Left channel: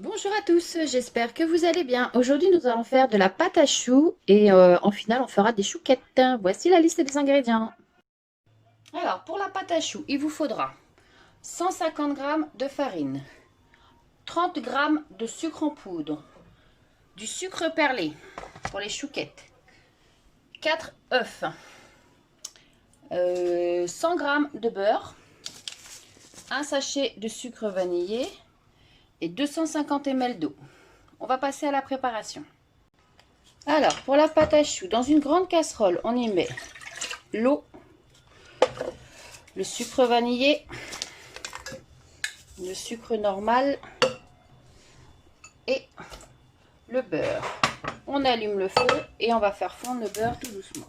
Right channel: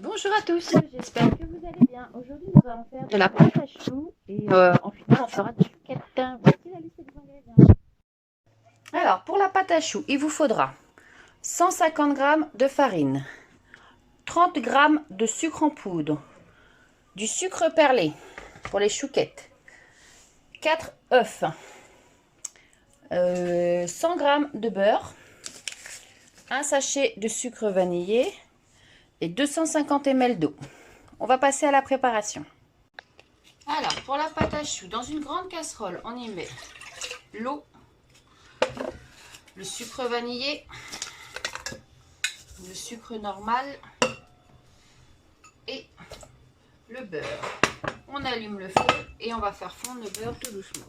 Bonjour à tous, j'espère que vous allez bien. Aujourd'hui, nous allons faire de la pâte à choux et en finale, on fera des chouquettes. Voici la liste des ingrédients. Alors, pour la pâte à choux, il vous faudra 150 g de farine, 30 g de sucre en poudre, du sucre perlé pour les chouquettes, 4 œufs, 100 g de beurre, un sachet de sucre vanillé et 250 ml d'eau. On va passer à la préparation. Alors, pour la pâte à choux, dans une grande casserole, on y met l'eau, le sucre vanillé, le sucre normal et le beurre. On allume le feu et on va faire fondre le beurre tout doucement.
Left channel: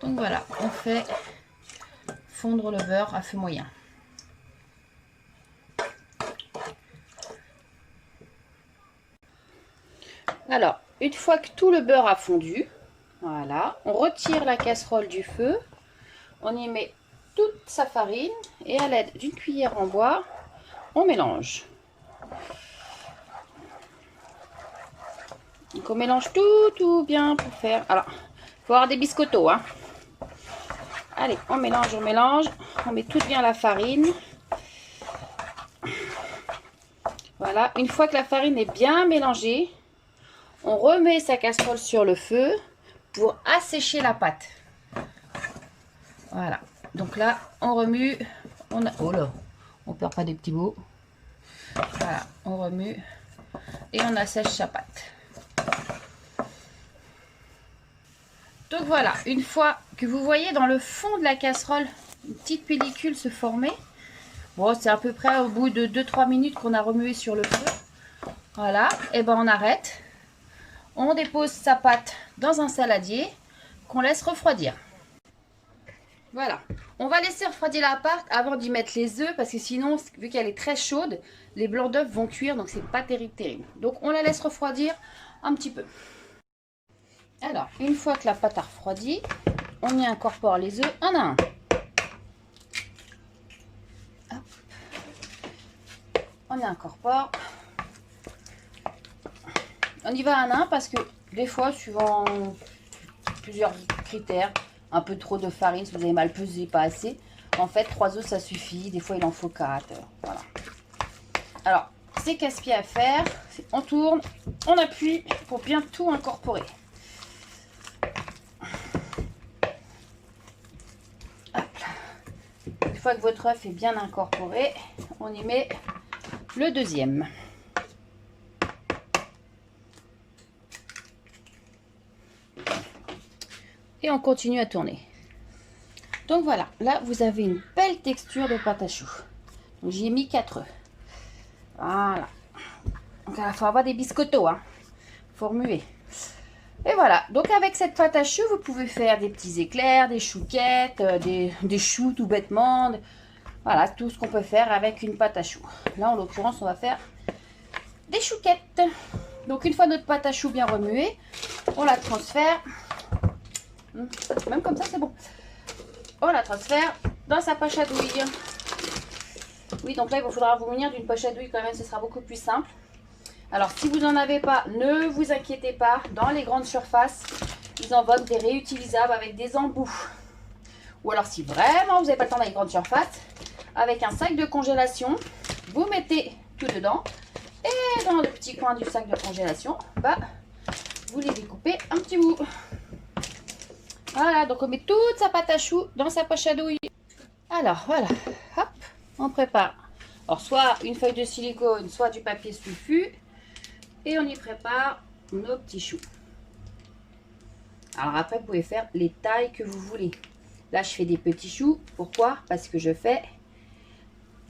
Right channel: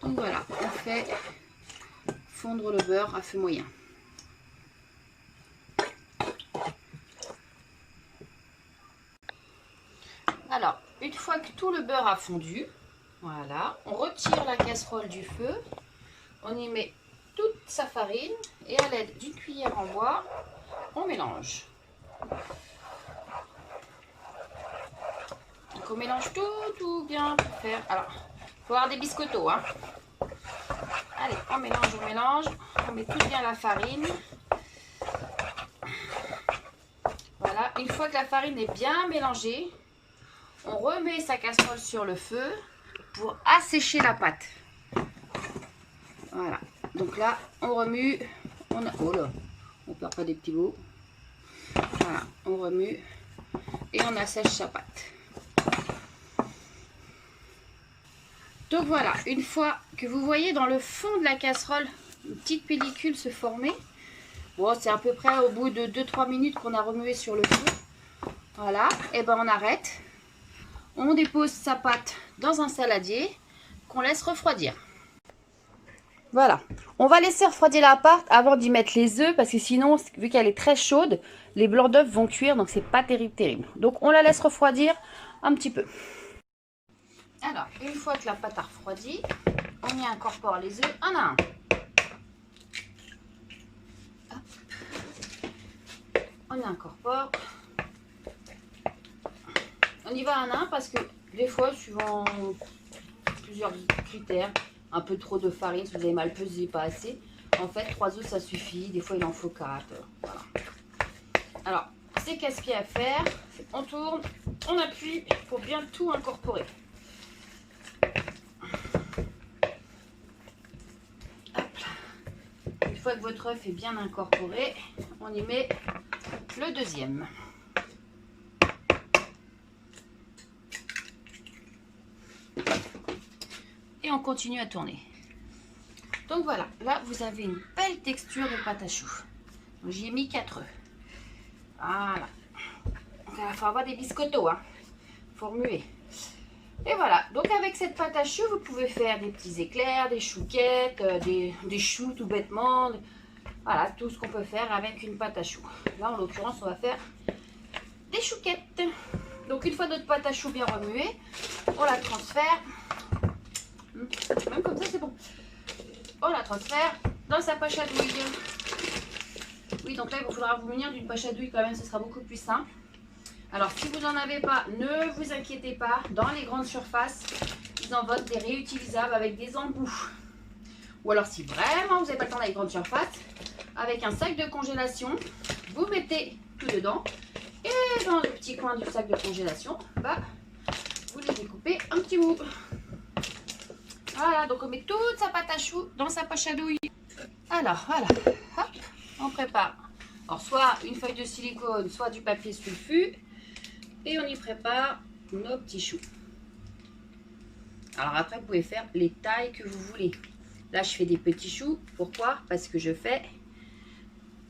Donc voilà, on fait fondre le beurre à feu moyen. Alors, une fois que tout le beurre a fondu, voilà, on retire la casserole du feu, on y met toute sa farine et à l'aide d'une cuillère en bois, on mélange. Donc on mélange tout bien pour faire. Alors, il faut avoir des biscottos, hein. Allez, on mélange, on met tout bien la farine. Voilà, une fois que la farine est bien mélangée, on remet sa casserole sur le feu pour assécher la pâte. Voilà, donc là, on remue, oh là, on perd pas des petits bouts. Voilà, on remue et on assèche sa pâte. Donc voilà, une fois que vous voyez dans le fond de la casserole une petite pellicule se former, bon, c'est à peu près au bout de 2-3 minutes qu'on a remué sur le feu. Voilà, et ben on arrête. On dépose sa pâte dans un saladier qu'on laisse refroidir. Voilà, on va laisser refroidir la pâte avant d'y mettre les œufs parce que sinon, vu qu'elle est très chaude, les blancs d'œufs vont cuire, donc c'est pas terrible. Donc on la laisse refroidir un petit peu. Alors, une fois que la pâte a refroidi, on y incorpore les œufs un à un. Hop. On y incorpore. On y va un à un parce que des fois, suivant plusieurs critères, un peu trop de farine, si vous avez mal pesé, pas assez. En fait, 3 œufs, ça suffit. Des fois, il en faut 4. Voilà. Alors, c'est casse-pied à faire. On tourne, on appuie pour bien tout incorporer. Une fois que votre œuf est bien incorporé, on y met le deuxième. Et on continue à tourner. Donc voilà, là vous avez une belle texture de pâte à choux. Donc j'y ai mis 4 œufs. Voilà. Donc il faut avoir des biscottos, hein. Faut remuer. Et voilà, donc avec cette pâte à choux, vous pouvez faire des petits éclairs, des chouquettes, des choux tout bêtement. Voilà, tout ce qu'on peut faire avec une pâte à choux. Là, en l'occurrence, on va faire des chouquettes. Donc une fois notre pâte à choux bien remuée, on la transfère. Même comme ça, c'est bon. On la transfère dans sa poche à douille. Oui, donc là, il vous faudra vous munir d'une poche à douille quand même, ce sera beaucoup plus simple. Alors, si vous n'en avez pas, ne vous inquiétez pas. Dans les grandes surfaces, ils en vendent des réutilisables avec des embouts. Ou alors, si vraiment vous n'avez pas le temps dans les grandes surfaces, avec un sac de congélation, vous mettez tout dedans. Et dans le petit coin du sac de congélation, bah, vous les découpez un petit bout. Voilà, donc on met toute sa pâte à choux dans sa poche à douille. Alors, voilà, hop, on prépare. Alors, soit une feuille de silicone, soit du papier sulfu. Et on y prépare nos petits choux. Alors après, vous pouvez faire les tailles que vous voulez. Là, je fais des petits choux. Pourquoi? Parce que je fais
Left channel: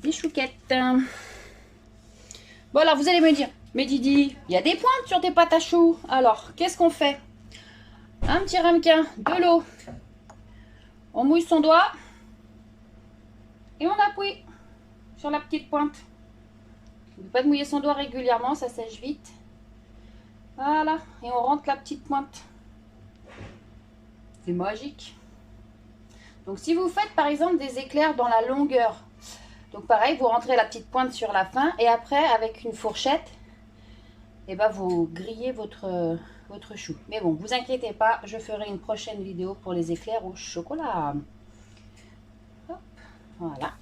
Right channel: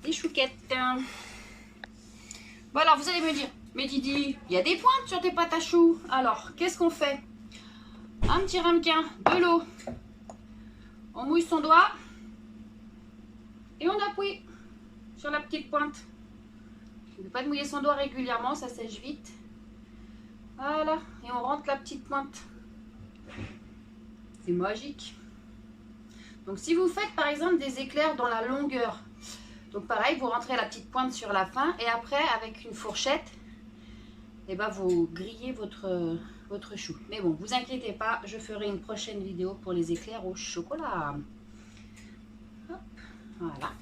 des chouquettes. Bon, alors vous allez me dire, mais Didi, il y a des pointes sur tes pâtes à choux. Alors, qu'est-ce qu'on fait? Un petit ramequin, de l'eau. On mouille son doigt. Et on appuie sur la petite pointe. N'oubliez pas de mouiller son doigt régulièrement, ça sèche vite. Voilà, et on rentre la petite pointe. C'est magique. Donc si vous faites par exemple des éclairs dans la longueur, Donc pareil, vous rentrez la petite pointe sur la fin et après avec une fourchette, et ben vous grillez votre chou. Mais bon, vous inquiétez pas, je ferai une prochaine vidéo pour les éclairs au chocolat. Hop, voilà.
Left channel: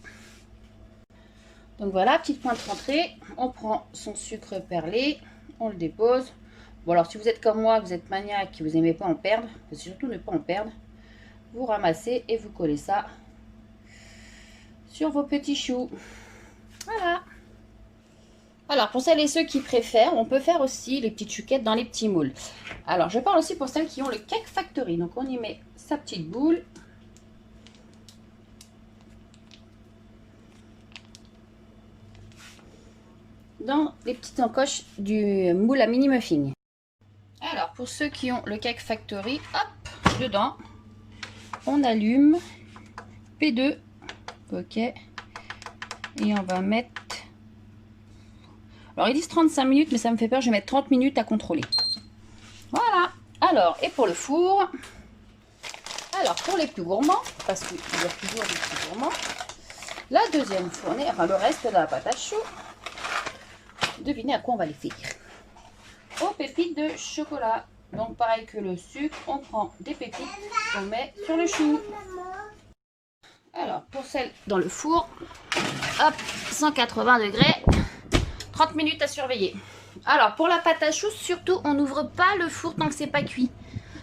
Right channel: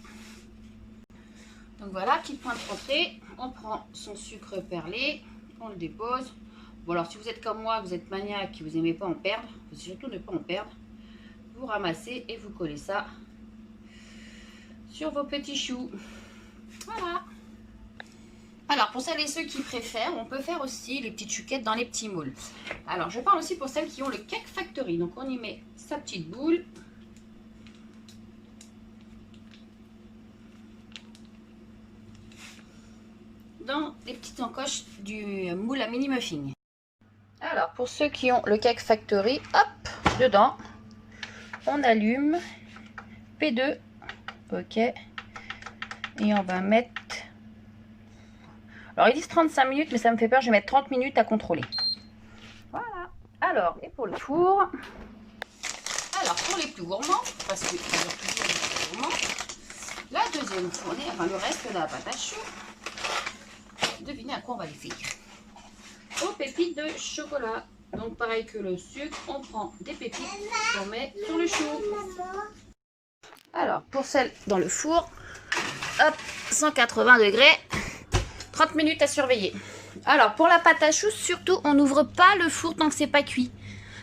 Donc voilà, petite pointe rentrée. On prend son sucre perlé, on le dépose. Bon alors si vous êtes comme moi, vous êtes maniaque, vous n'aimez pas en perdre, faut surtout ne pas en perdre. Vous ramassez et vous collez ça sur vos petits choux. Voilà. Alors, pour celles et ceux qui préfèrent, on peut faire aussi les petites chouquettes dans les petits moules. Alors, je parle aussi pour celles qui ont le Cake Factory. Donc, on y met sa petite boule. Dans les petites encoches du moule à mini muffin. Alors, pour ceux qui ont le Cake Factory, hop, dedans, on allume P2. Ok. Et on va mettre... Alors, ils disent 35 minutes, mais ça me fait peur. Je vais mettre 30 minutes à contrôler. Voilà. Alors, et pour le four. Alors, pour les plus gourmands, parce qu'il y a toujours les plus gourmands, la deuxième fournée, enfin le reste de la pâte à choux, devinez à quoi on va les faire. Aux pépites de chocolat. Donc, pareil que le sucre, on prend des pépites, on met sur le chou. Alors, pour celle dans le four, hop, 180 degrés. 30 minutes à surveiller. Alors, pour la pâte à choux, surtout, on n'ouvre pas le four tant que c'est pas cuit.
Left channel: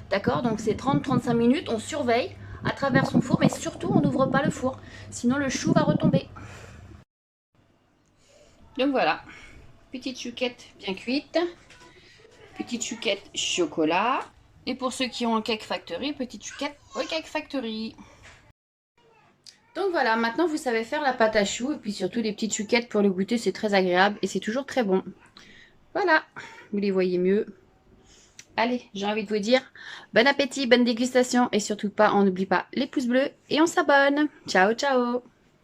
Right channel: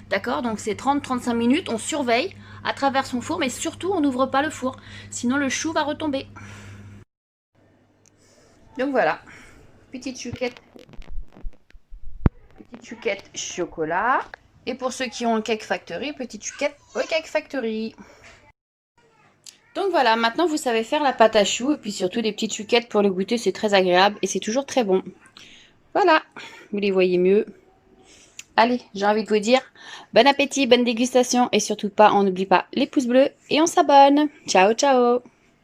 D'accord? Donc, c'est 30-35 minutes. On surveille à travers son four, mais surtout, on n'ouvre pas le four. Sinon, le chou va retomber. Donc, voilà. Petite chouquette bien cuite. Petite chouquette chocolat. Et pour ceux qui ont un Cake Factory, petite chouquette au Cake Factory. Donc voilà, maintenant vous savez faire la pâte à choux et puis surtout des petites chouquettes pour le goûter, c'est très agréable et c'est toujours très bon. Voilà, vous les voyez mieux. Allez, j'ai envie de vous dire bon appétit, bonne dégustation et surtout pas, on n'oublie pas les pouces bleus et on s'abonne. Ciao, ciao!